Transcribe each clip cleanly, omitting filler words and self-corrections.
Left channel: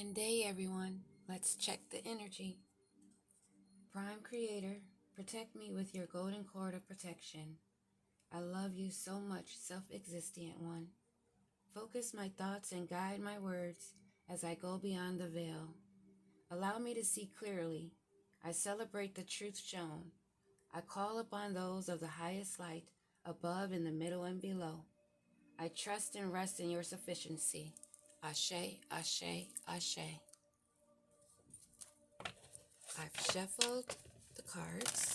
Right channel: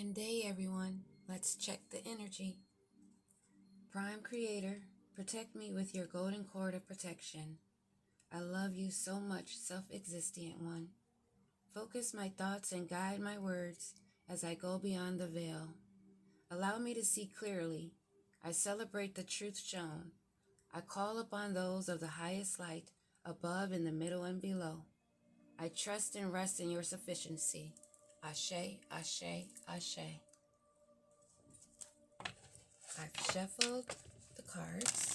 Grand day, everyone. Let's check the energy. Prime Creator, protect me with your golden cord of protection. I love you so much, self-existent one. Focus my thoughts and guide my words as I go beyond the veil. Allow me to see clearly. I celebrate the truth shown. I call upon those of the highest light, above, in the middle, and below. I trust and rest in your sufficiency. Ashe, ashe, ashe. I've shuffled the cards,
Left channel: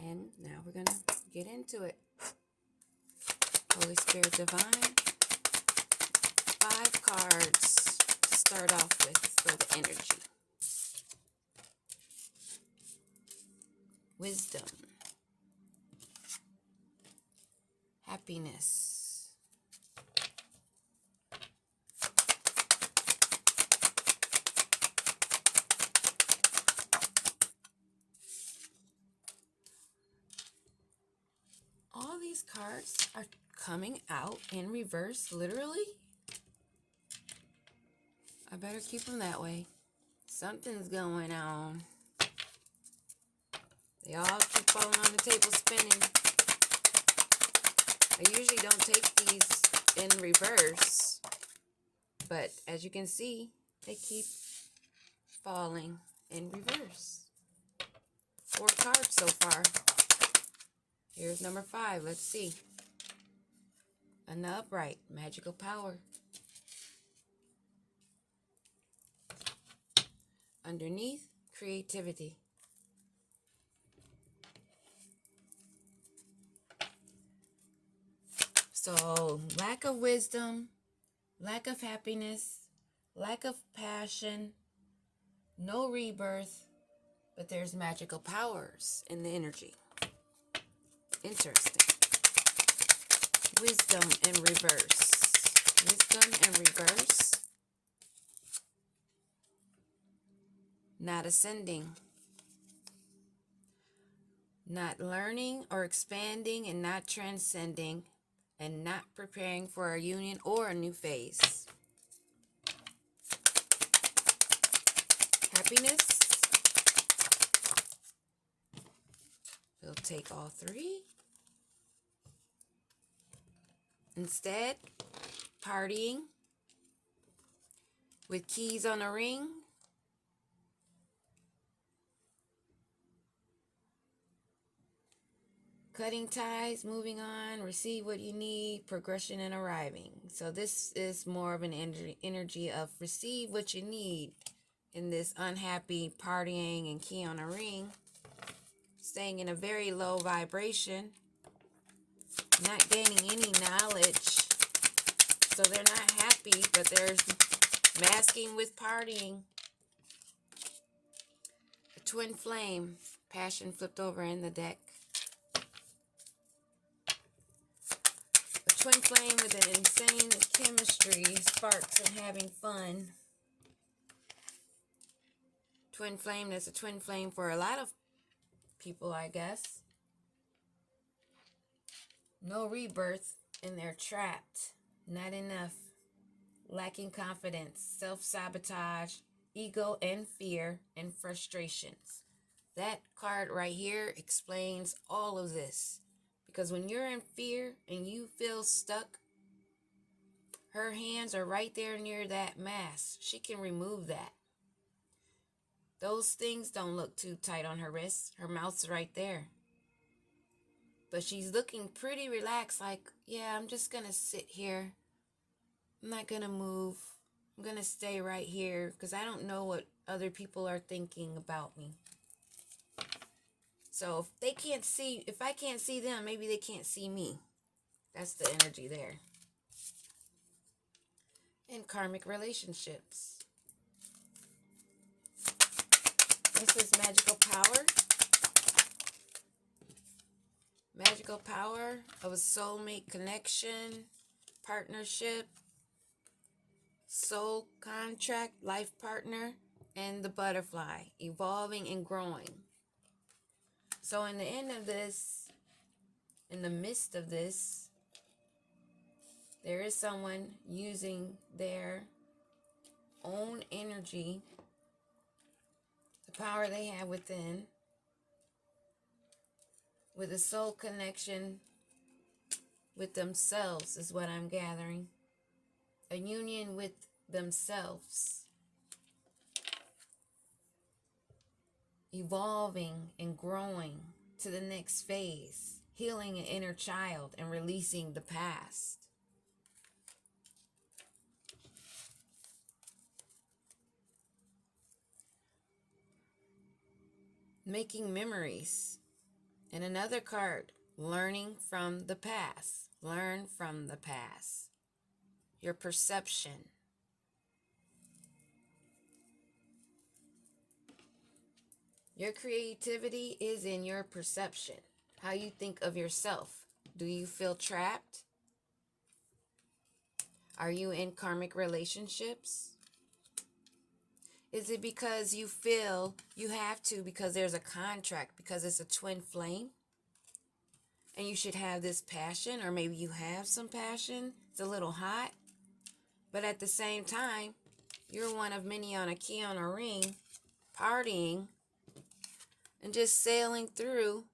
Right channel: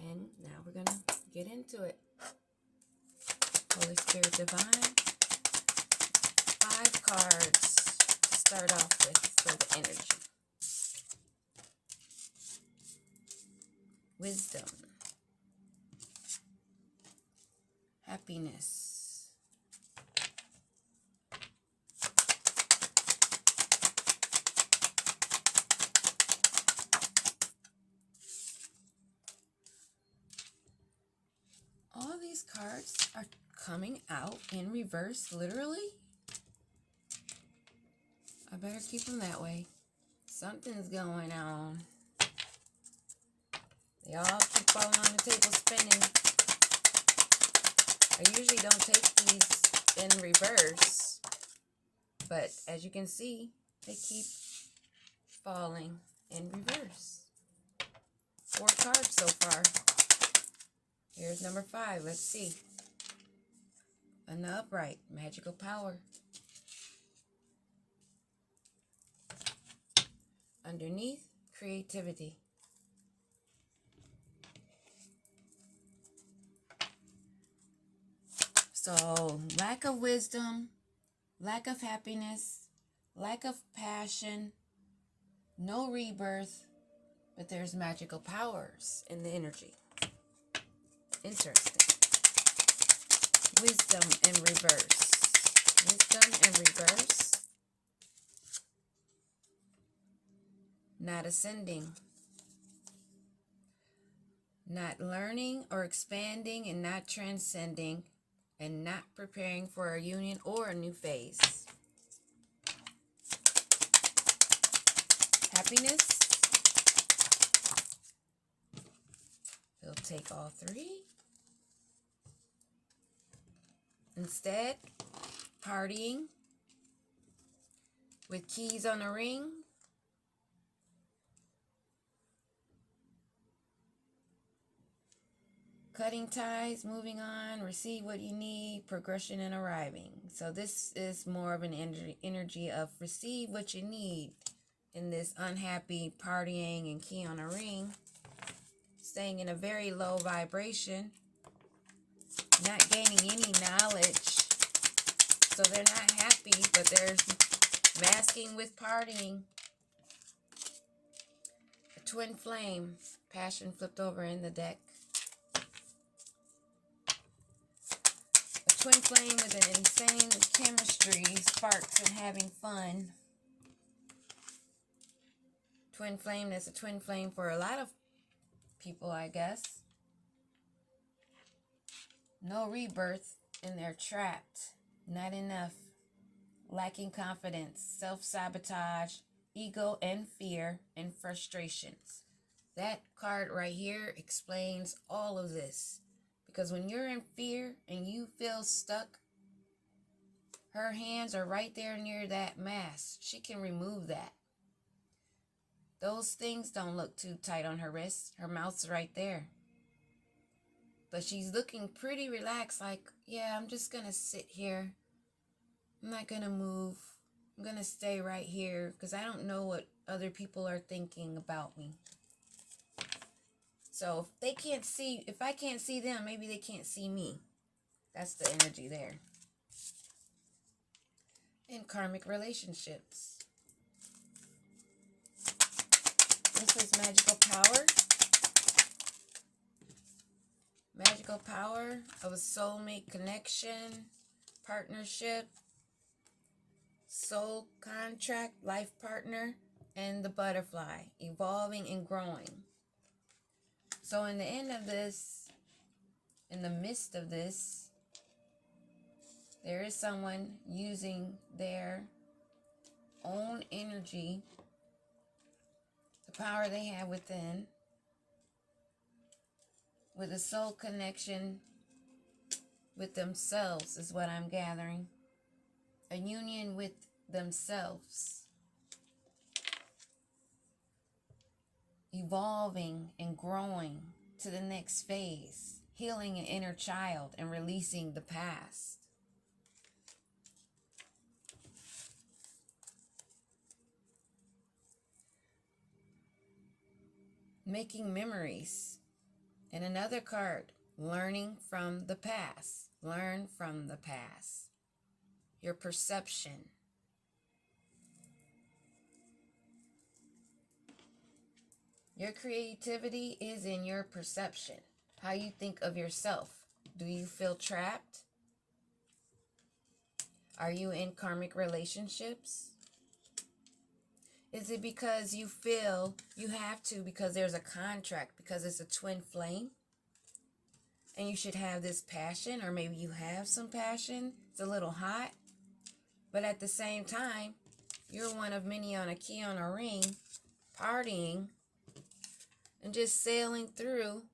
and now we're going to get into it. Holy Spirit Divine, 5 cards to start off with for the energy. Wisdom, happiness, all these cards are coming out in reverse, literally. I better keep them that way. Something's going on. They all keep falling on the table spinning. I usually don't take these in reverse, but as you can see, they keep falling in reverse. 4 cards so far. Here's number 5. Let's see. In the upright, magical power. Underneath, creativity. So, lack of wisdom, lack of happiness, lack of passion, no rebirth, but there's magical powers in the energy. Interesting. Wisdom in reverse. Wisdom in reverse. Not ascending. Not learning or expanding and not transcending and not preparing for a union or a new phase. Happiness. We'll take all 3. Instead, partying with keys on a ring. Cutting ties, moving on, receive what you need, progression and arriving. So this is more of an energy of receive what you need in this unhappy partying and key on a ring. Staying in a very low vibration. Not gaining any knowledge. So they're not happy, but they're masking with partying. A twin flame. Passion flipped over in the deck. Twin flame with an insane chemistry, sparks, and having fun. Twin flame, that's a twin flame for a lot of people, I guess. No rebirth, and they're trapped. Not enough. Lacking confidence, self-sabotage, ego and fear, and frustrations. That card right here explains all of this. Because when you're in fear and you feel stuck, her hands are right there near that mask. She can remove that. Those things don't look too tight on her wrists. Her mouth's right there. But she's looking pretty relaxed, like, yeah, I'm just going to sit here. I'm not going to move. I'm going to stay right here because I don't know what other people are thinking about me. So if I can't see them, maybe they can't see me. That's the energy there. And karmic relationships. This is magical power. Magical power of a soulmate connection, partnership, soul contract, life partner, and the butterfly, evolving and growing. So in the end of this, in the midst of this, there is someone using their energy, the power they have within, with a soul connection with themselves is what I'm gathering. A union with themselves. Evolving and growing to the next phase. Healing an inner child and releasing the past. Making memories. And another card, learning from the past. Learn from the past. Your perception. Your creativity is in your perception. How you think of yourself. Do you feel trapped? Are you in karmic relationships? Is it because you feel you have to because there's a contract, because it's a twin flame? And you should have this passion, or maybe you have some passion. It's a little hot. But at the same time, you're one of many on a key on a ring, partying, and just sailing through,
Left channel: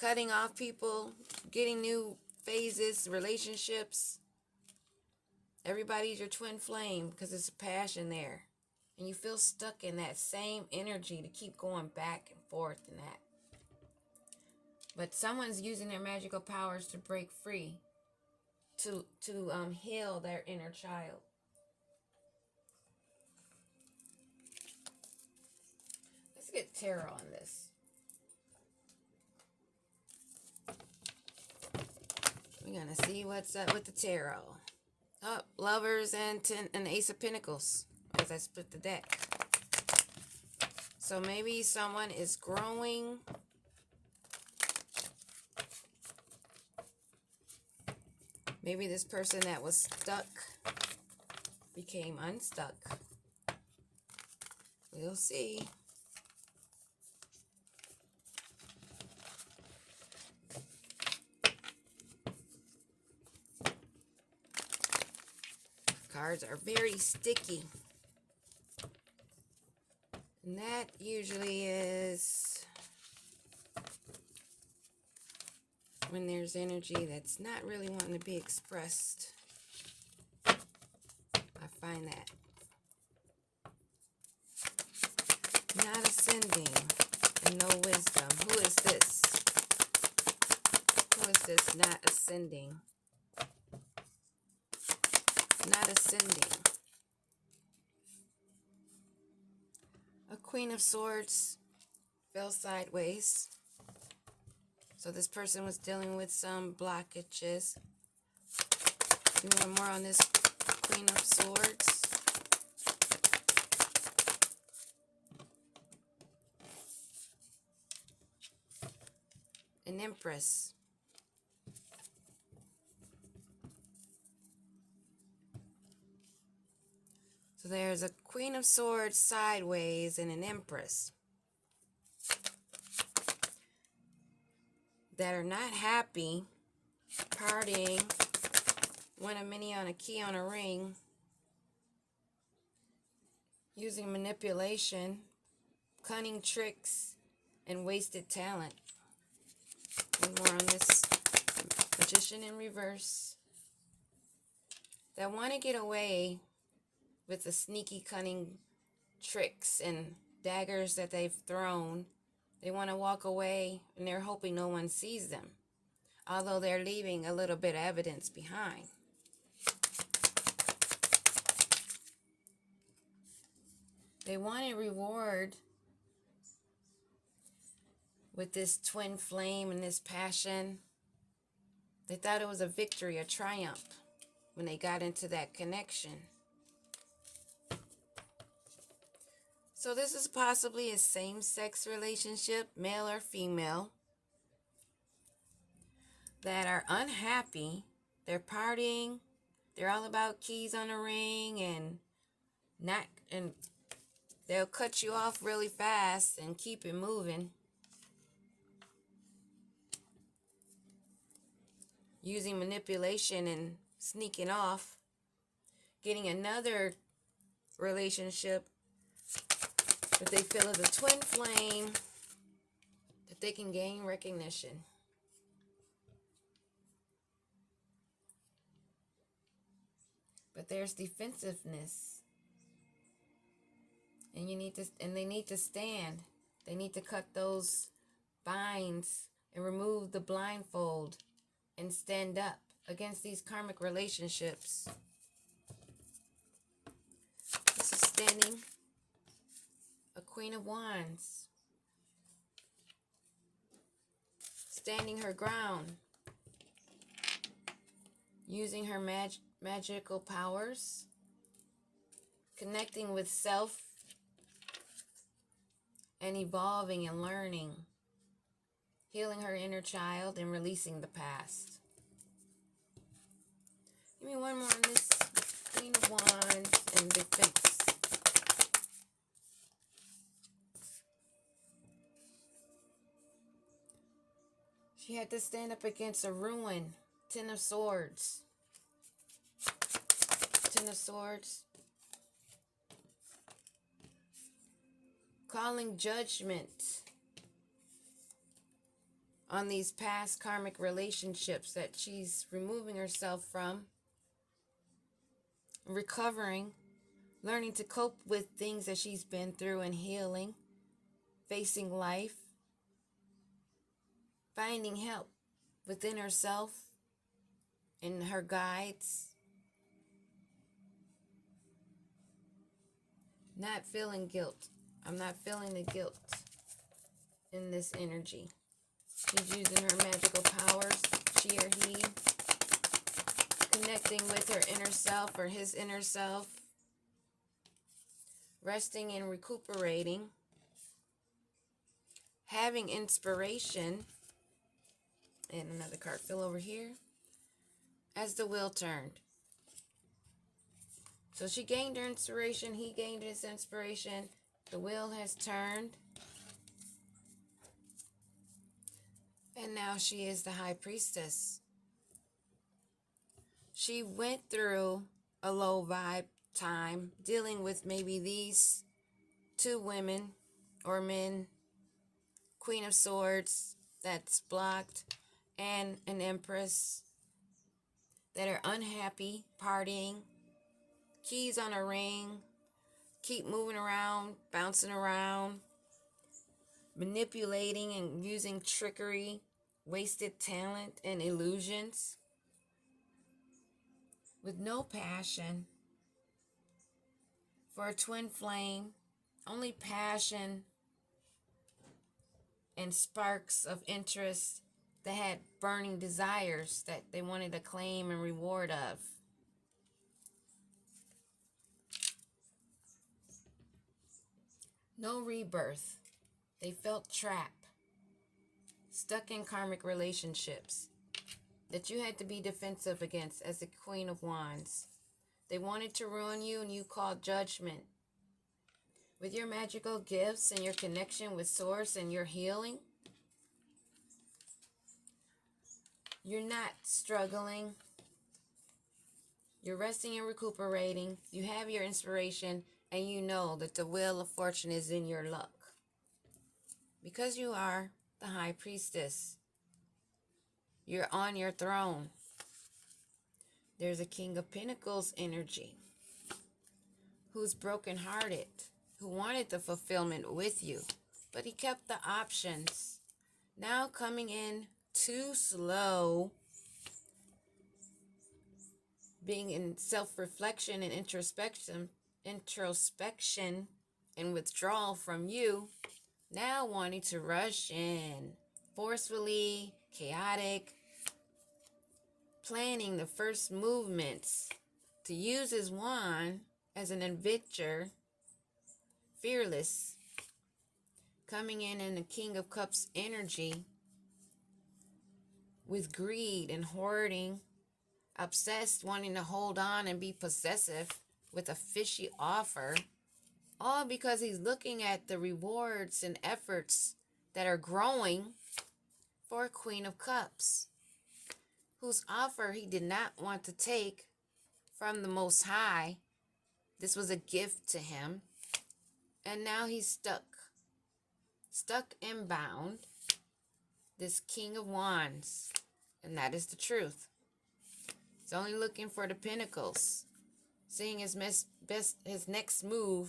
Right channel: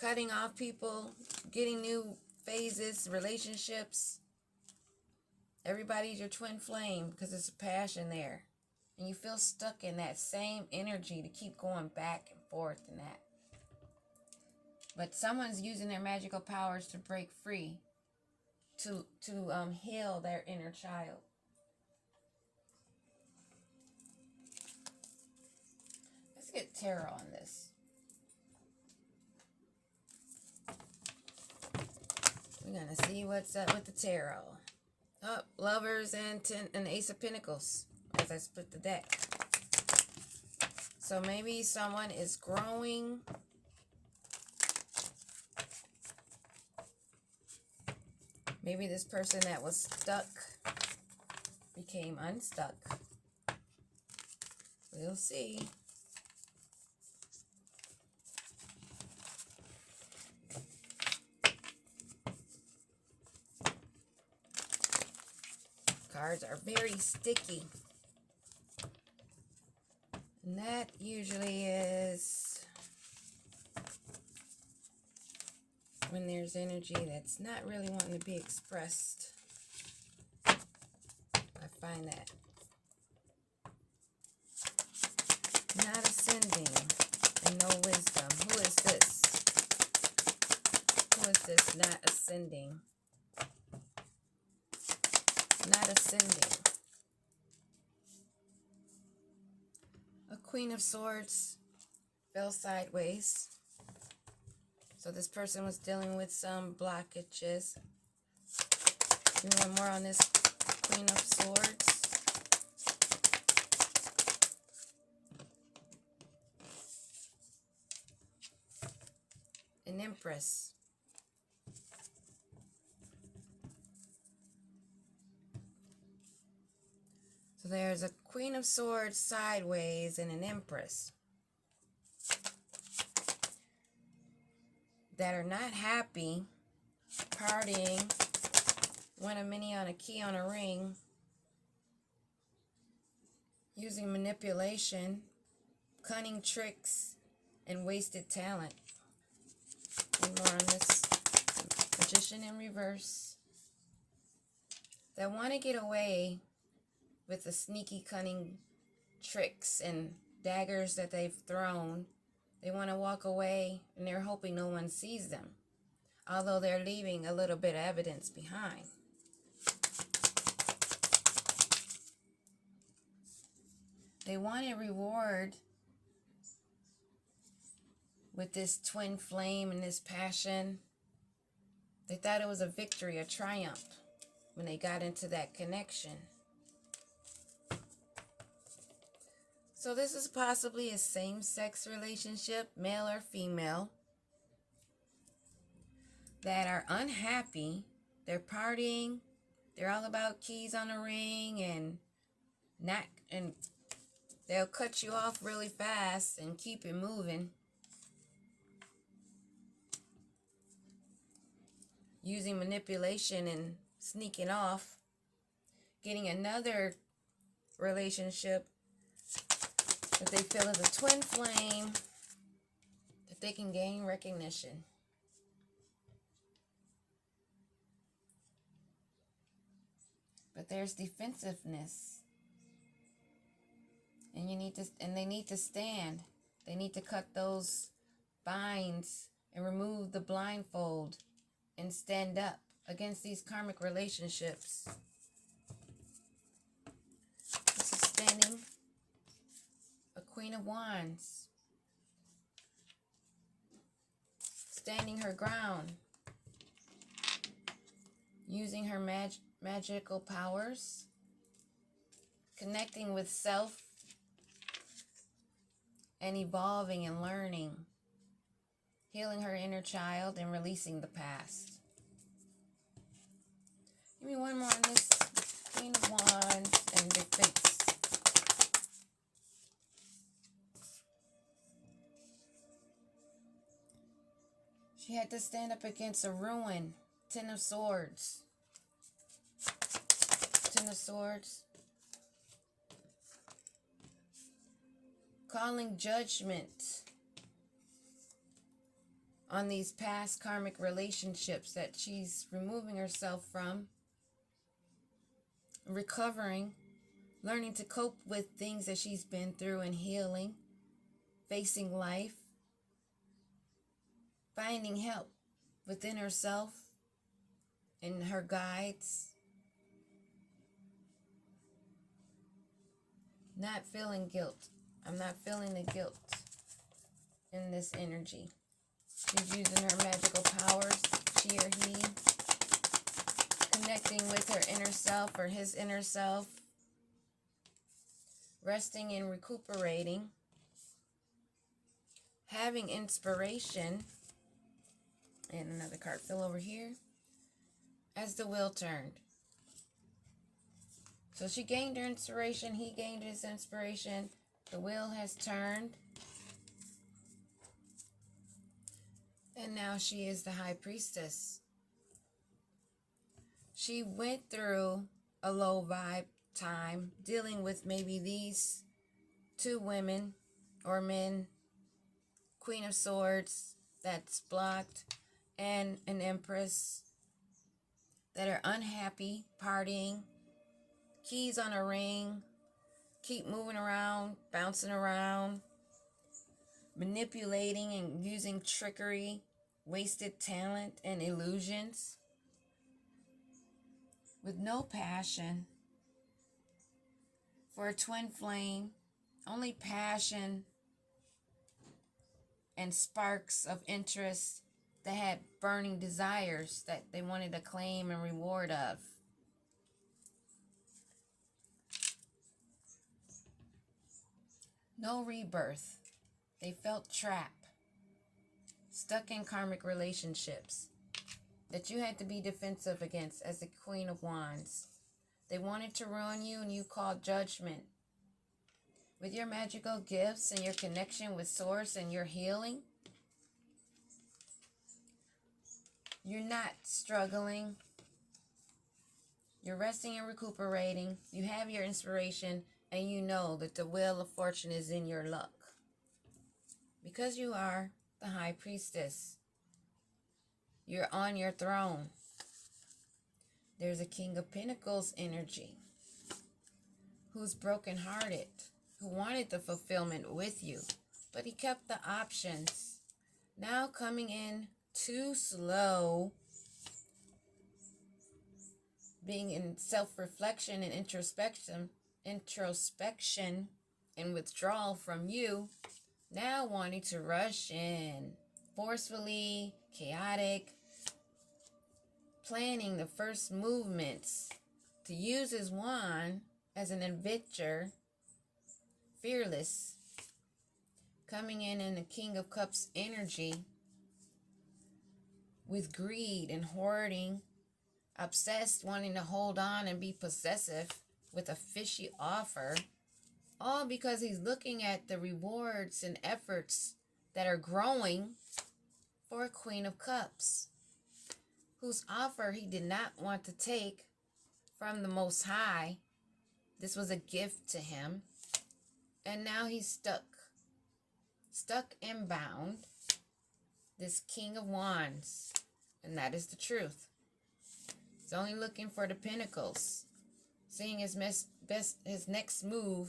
cutting off people, getting new phases, relationships. Everybody's your twin flame because there's a passion there. And you feel stuck in that same energy to keep going back and forth and that. But someone's using their magical powers to break free, to heal their inner child. Let's get tarot on this. We're going to see what's up with the tarot. Oh, Lovers and Ace of Pentacles as I split the deck. So maybe someone is growing. Maybe this person that was stuck became unstuck. We'll see. Cards are very sticky. And that usually is when there's energy that's not really wanting to be expressed. I find that. Not ascending and no wisdom. Who is this? Who is this not ascending? Not ascending. A Queen of Swords fell sideways. So this person was dealing with some blockages. Give me more on this Queen of Swords. An Empress. So there's a Queen of Swords sideways and an Empress that are not happy, partying, one of many on a key on a ring, using manipulation, cunning tricks, and wasted talent. One more on this Magician in reverse. That want to get away with the sneaky, cunning tricks and daggers that they've thrown. They want to walk away and they're hoping no one sees them, although they're leaving a little bit of evidence behind. They want a reward with this twin flame and this passion. They thought it was a victory, a triumph when they got into that connection. So this is possibly a same-sex relationship, male or female, that are unhappy. They're partying. They're all about keys on a ring and they'll cut you off really fast and keep it moving. Using manipulation and sneaking off. Getting another relationship that they feel is a twin flame, that they can gain recognition. But there's defensiveness. And they need to stand. They need to cut those binds and remove the blindfold and stand up against these karmic relationships. This is standing a Queen of Wands. Standing her ground. Using her magical powers. Connecting with self. And evolving and learning. Healing her inner child and releasing the past. Give me one more on this Queen of Wands and defense. She had to stand up against a ruin. Ten of Swords. Ten of Swords. Calling judgment on these past karmic relationships that she's removing herself from. Recovering. Learning to cope with things that she's been through and healing. Facing life. Finding help within herself and her guides. Not feeling guilt. I'm not feeling the guilt in this energy. She's using her magical powers, she or he. Connecting with her inner self or his inner self. Resting and recuperating. Having inspiration. And another card fell over here. As the wheel turned. So she gained her inspiration. He gained his inspiration. The wheel has turned. And now she is the High Priestess. She went through a low vibe time dealing with maybe these two women or men. Queen of Swords that's blocked. And an Empress that are unhappy, partying, keys on a ring, keep moving around, bouncing around, manipulating and using trickery, wasted talent and illusions, with no passion for a twin flame, only passion and sparks of interest that had burning desires that they wanted to claim and reward of. No rebirth. They felt trapped, stuck in karmic relationships that you had to be defensive against as the Queen of Wands. They wanted to ruin you and you called judgment. With your magical gifts and your connection with Source and your healing, you're not struggling. You're resting and recuperating. You have your inspiration and you know that the wheel of fortune is in your luck. Because you are the High Priestess. You're on your throne. There's a King of Pentacles energy who's brokenhearted, who wanted the fulfillment with you, but he kept the options. Now coming in too slow, being in self-reflection and introspection and withdrawal from you, now wanting to rush in, forcefully, chaotic, planning the first movements to use his wand as an adventure, fearless, coming in the King of Cups energy with greed and hoarding, obsessed, wanting to hold on and be possessive with a fishy offer, all because he's looking at the rewards and efforts that are growing for a Queen of Cups, whose offer he did not want to take from the Most High, This was a gift to him. And now he's stuck and bound. This King of Wands. And that is the truth. He's only looking for the pinnacles. Seeing his next move,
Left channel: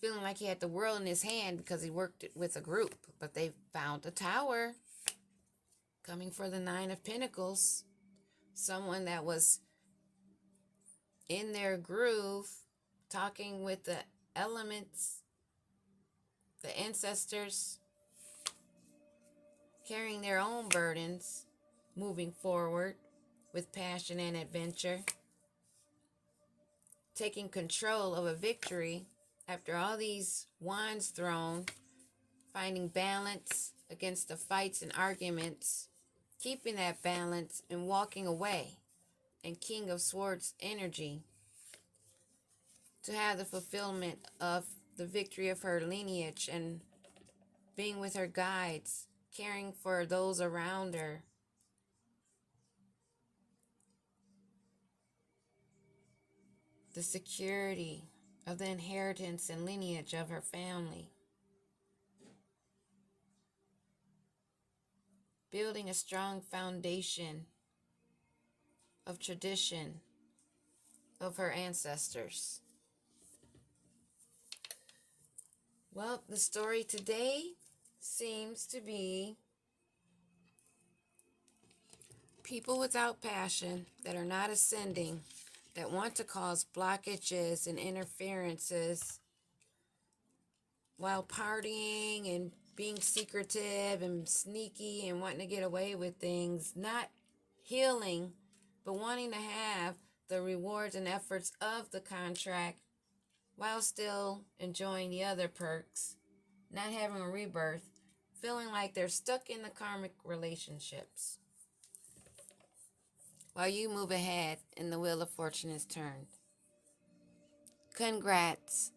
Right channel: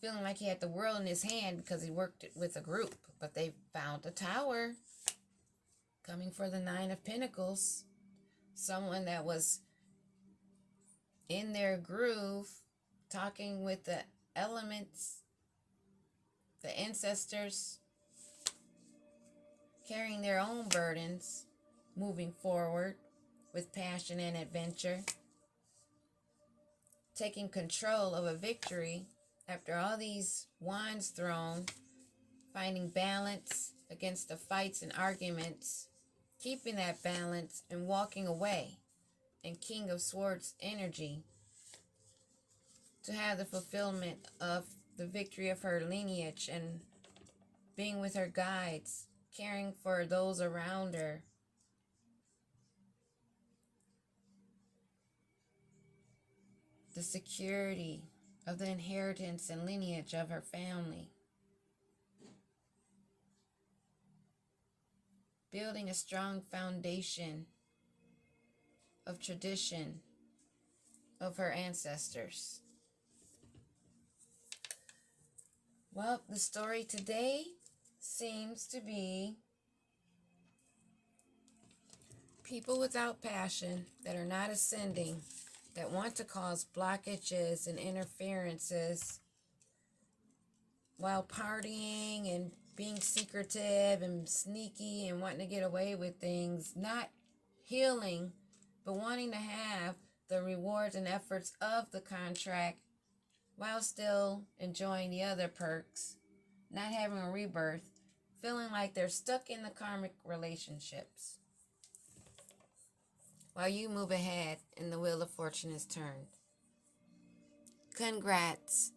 feeling like he had the world in his hand because he worked with a group. But they found a tower coming for the Nine of Pentacles. Someone that was in their groove, talking with the elements, the ancestors, carrying their own burdens, moving forward with passion and adventure, taking control of a victory after all these wands thrown, finding balance against the fights and arguments, keeping that balance and walking away, and King of Swords energy to have the fulfillment of the victory of her lineage and being with her guides, caring for those around her. The security of the inheritance and lineage of her family. Building a strong foundation of tradition of her ancestors. Well, the story today seems to be people without passion that are not ascending, that want to cause blockages and interferences while partying and being secretive and sneaky and wanting to get away with things, not healing, but wanting to have the rewards and efforts of the contract while still enjoying the other perks, not having a rebirth, feeling like they're stuck in the karmic relationships while you move ahead and the wheel of fortune is turned. Congrats.